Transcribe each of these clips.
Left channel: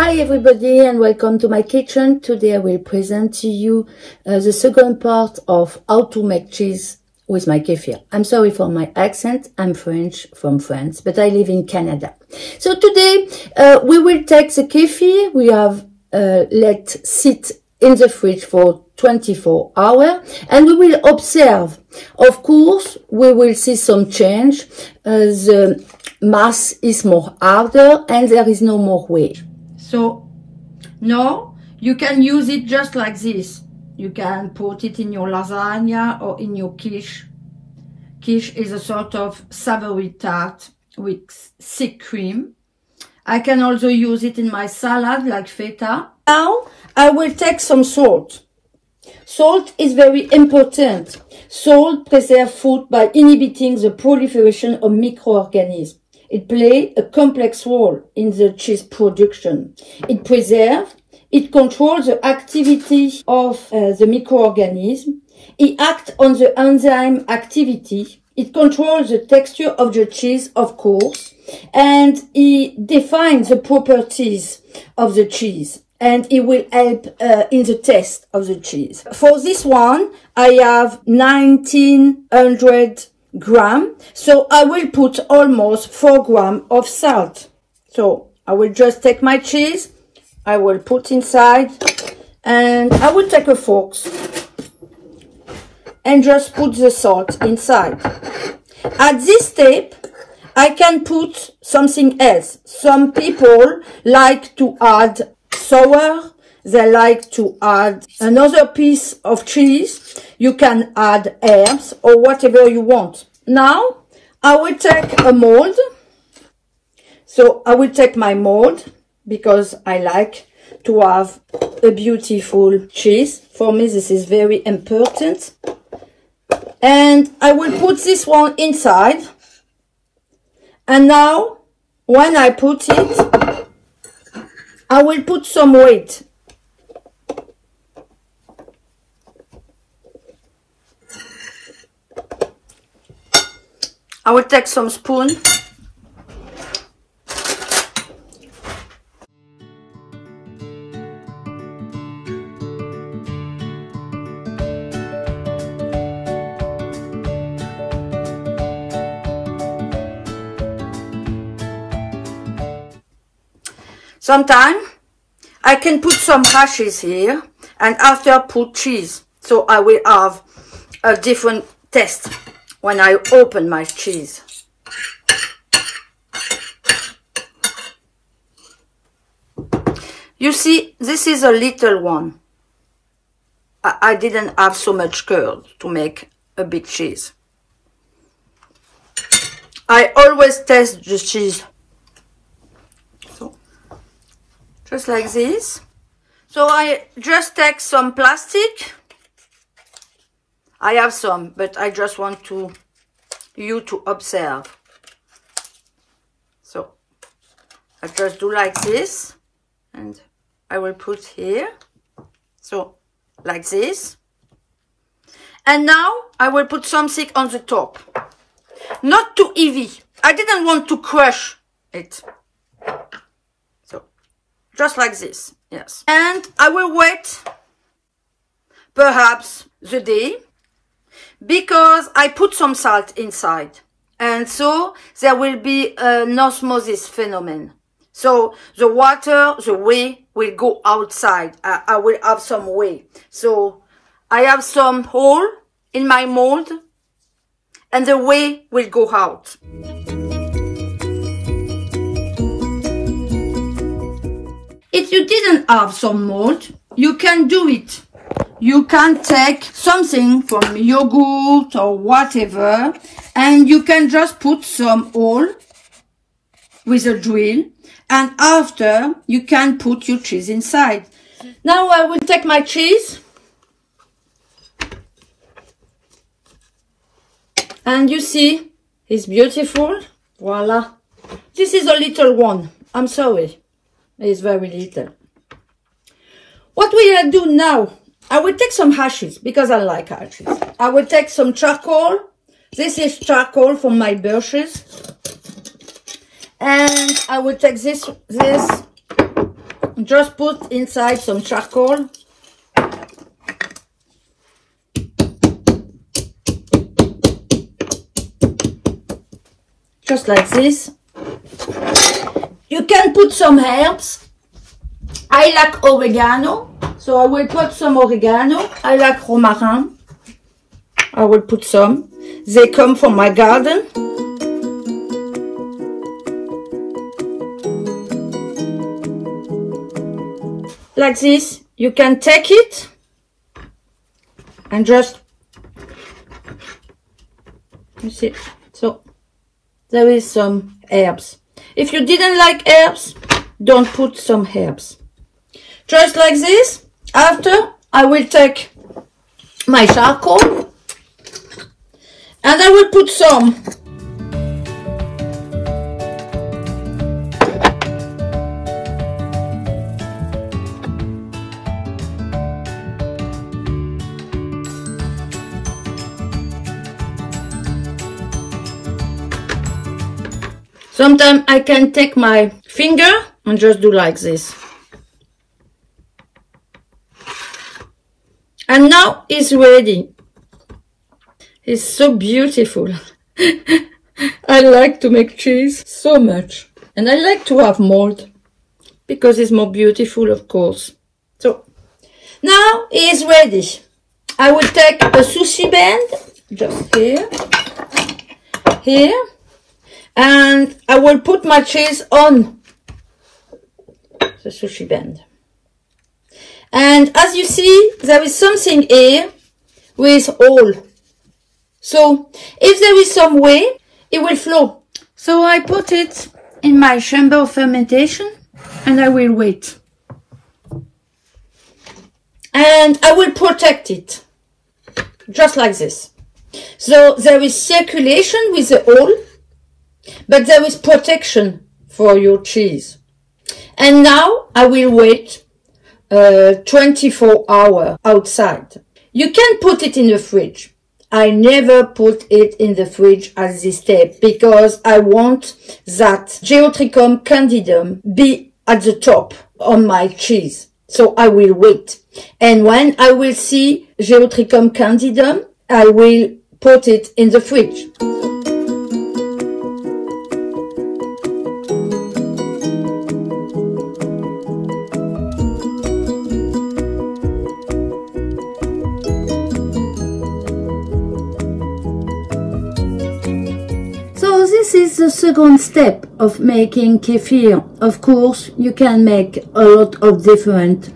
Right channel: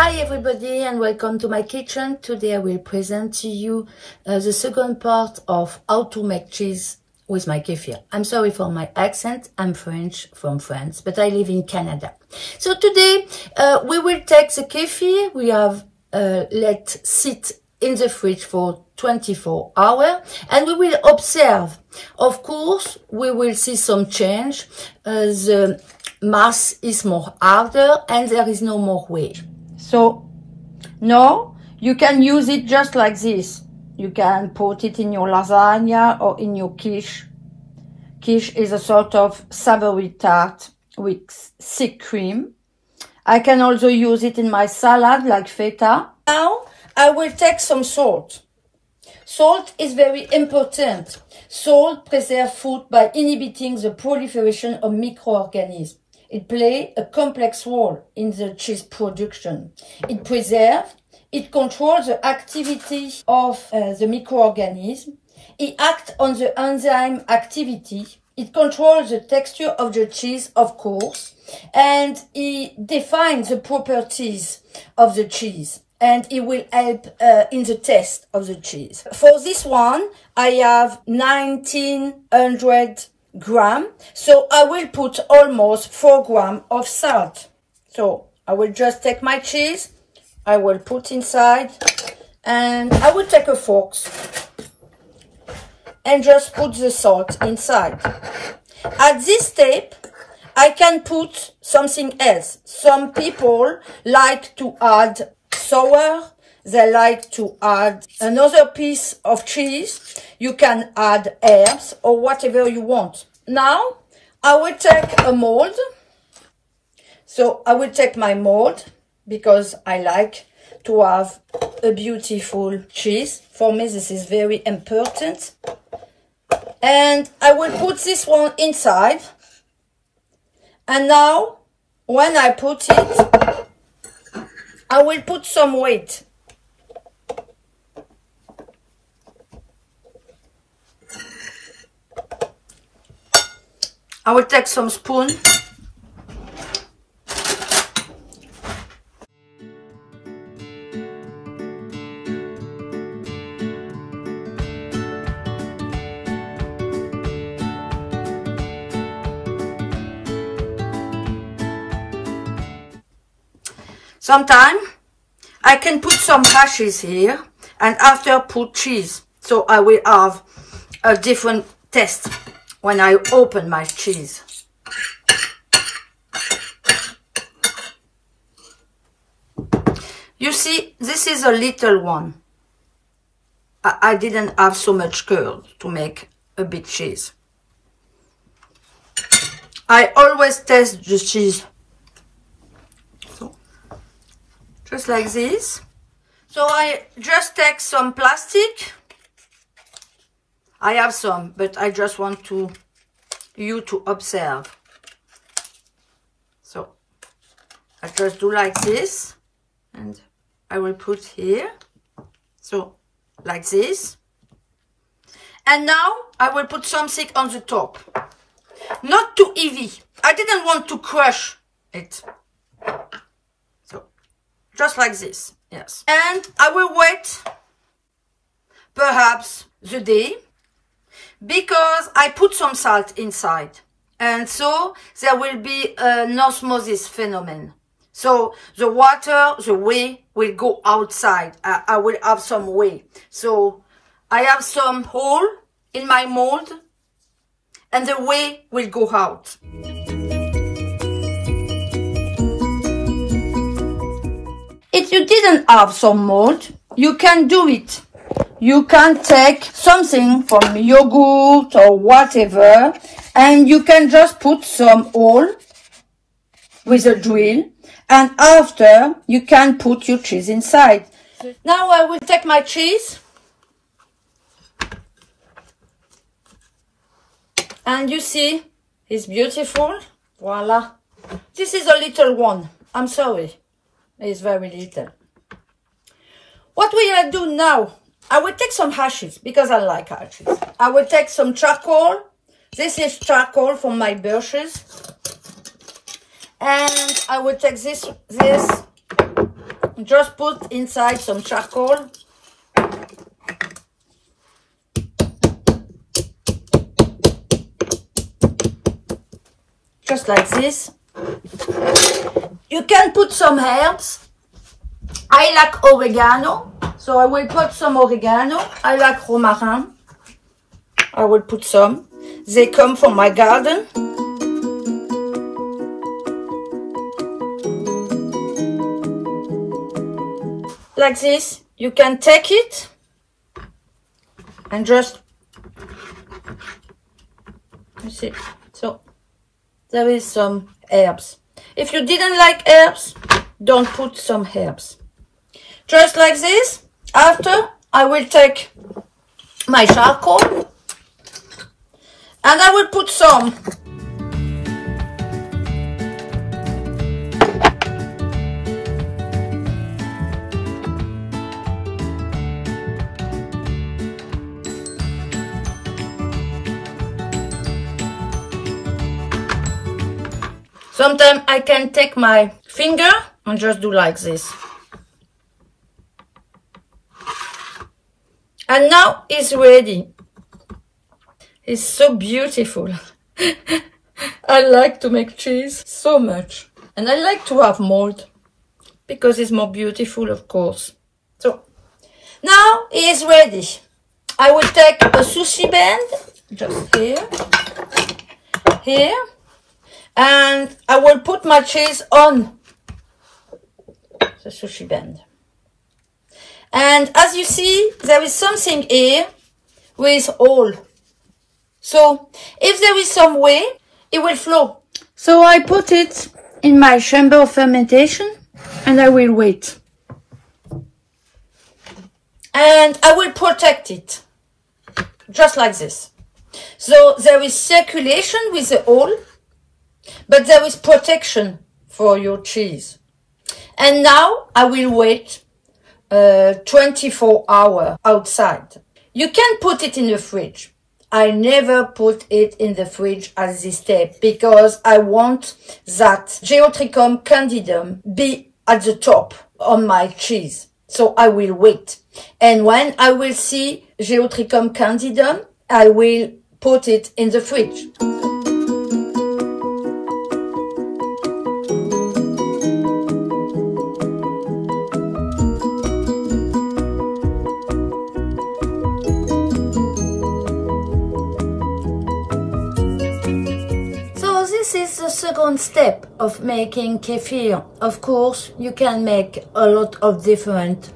Hi everybody and welcome to my kitchen. Today I will present to you the second part of how to make cheese with my kefir. I'm sorry for my accent, I'm French from France, but I live in Canada. So today we will take the kefir we have let sit in the fridge for 24 hours and we will observe. Of course, we will see some change. The mass is more harder and there is no more weight. So now you can use it just like this. You can put it in your lasagna or in your quiche. Quiche is a sort of savory tart with thick cream. I can also use it in my salad like feta. Now I will take some salt. Salt is very important. Salt preserves food by inhibiting the proliferation of microorganisms. It plays a complex role in the cheese production. It preserves, it controls the activity of the microorganism. It acts on the enzyme activity. It controls the texture of the cheese, of course, and it defines the properties of the cheese. And it will help in the taste of the cheese. For this one, I have 1900 grams. So I will put almost 4 grams of salt. So I will just take my cheese. I will put inside. And I will take a fork. And just put the salt inside. At this step, I can put something else. Some people like to add sour, they like to add another piece of cheese. You can add herbs or whatever you want. Now I will take a mold. So I will take my mold because I like to have a beautiful cheese. For me this is very important. And I will put this one inside. And now when I put it, I will put some weight. I will take some spoon. Sometimes I can put some hashes here and after put cheese. So I will have a different taste when I open my cheese. You see, this is a little one. I didn't have so much curd to make a big cheese. I always taste the cheese. Just like this. So I just take some plastic. I have some, but I just want you to observe. So I just do like this, and I will put here. So like this. And now I will put something on the top. Not too heavy. I didn't want to crush it. Just like this, yes. And I will wait perhaps the day because I put some salt inside. And so there will be an osmosis phenomenon. So the water, the whey will go outside. I will have some whey. So I have some hole in my mold and the whey will go out. If you didn't have some mold, you can do it. You can take something from yogurt or whatever, and you can just put some hole with a drill, and after you can put your cheese inside. Now I will take my cheese, and you see, it's beautiful. Voila. This is a little one. I'm sorry. It's very little. What we will do now, I will take some ashes because I like ashes. I will take some charcoal. This is charcoal from my brushes. And I will take this just put inside some charcoal. Just like this. You can put some herbs. I like oregano, so I will put some oregano. I like romarin. I will put some. They come from my garden. Like this, you can take it and just, you see, so there is some herbs. If you didn't like herbs, don't put some herbs. Just like this. After, I will take my charcoal and I will put some. Sometimes I can take my finger and just do like this. And now it's ready. It's so beautiful. I like to make cheese so much. And I like to have mold because it's more beautiful, of course. So now it's ready. I will take a sushi band, just here, and I will put my cheese on the sushi band. And as you see, there is something here with hole. So if there is some way, it will flow. So I put it in my chamber of fermentation and I will wait. And I will protect it, just like this. So there is circulation with the hole, but there is protection for your cheese. And now I will wait 24 hours outside. You can put it in the fridge. I never put it in the fridge at this step because I want that Geotrichum candidum be at the top on my cheese. So I will wait. And when I will see Geotrichum candidum, I will put it in the fridge. This is the second step of making kefir. Of course, you can make a lot of different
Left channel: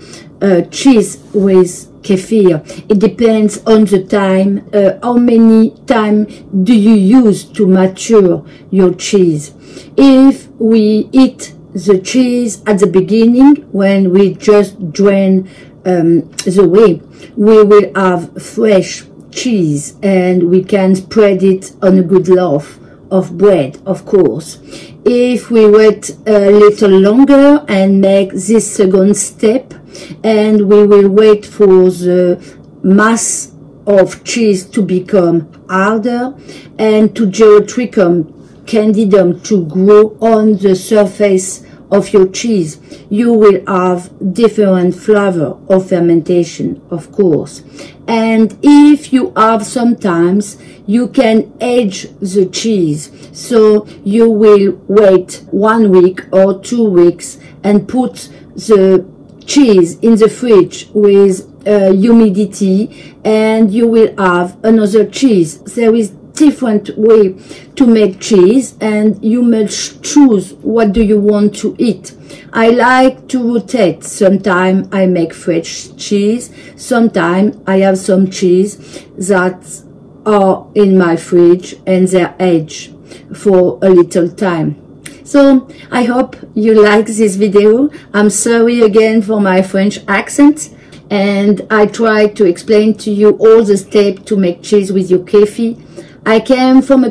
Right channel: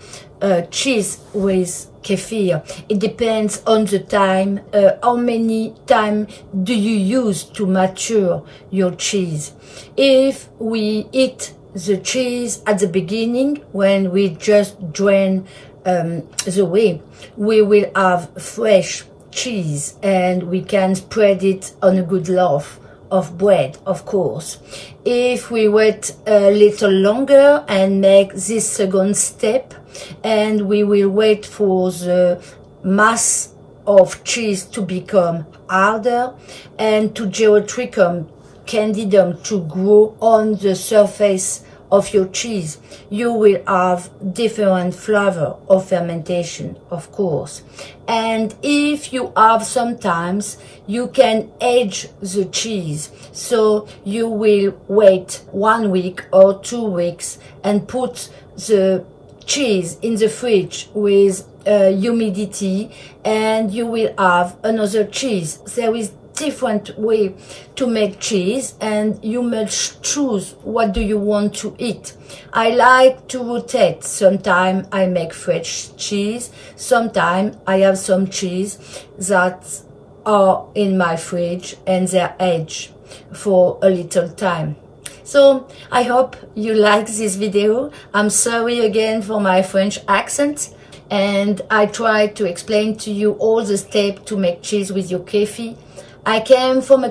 cheese with kefir. It depends on the time, how many time do you use to mature your cheese. If we eat the cheese at the beginning, when we just drain the whey, we will have fresh cheese and we can spread it on a good loaf of bread, of course. If we wait a little longer and make this second step, and we will wait for the mass of cheese to become harder and to Geotrichum candidum to grow on the surface of your cheese, you will have different flavor of fermentation, of course. And if you have sometimes, you can age the cheese. So you will wait 1 week or 2 weeks and put the cheese in the fridge with humidity, and you will have another cheese. There is different way to make cheese and you must choose what do you want to eat. I like to rotate. Sometimes I make fresh cheese, sometimes I have some cheese that are in my fridge and they're aged for a little time. So I hope you like this video. I'm sorry again for my French accent, and I try to explain to you all the steps to make cheese with your kefir. I came from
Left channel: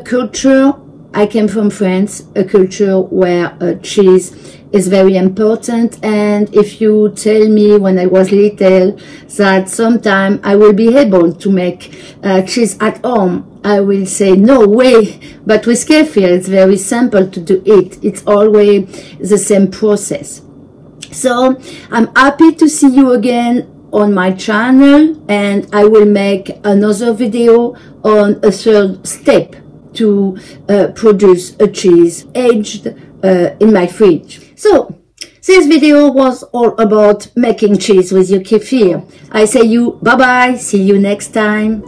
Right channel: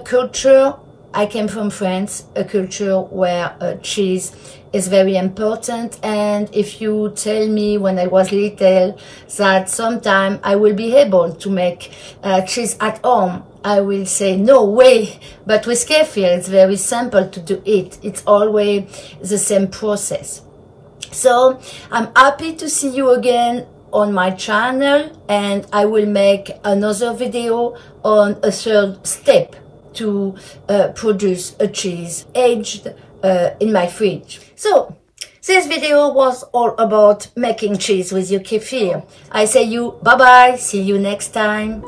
France, a culture where cheese is very important, and if you tell me when I was little that sometime I will be able to make cheese at home, I will say no way. But with kefir it's very simple to do it. It's always the same process. So I'm happy to see you again on my channel, and I will make another video on a third step to produce a cheese aged in my fridge. So this video was all about making cheese with your kefir. I say you bye bye, see you next time.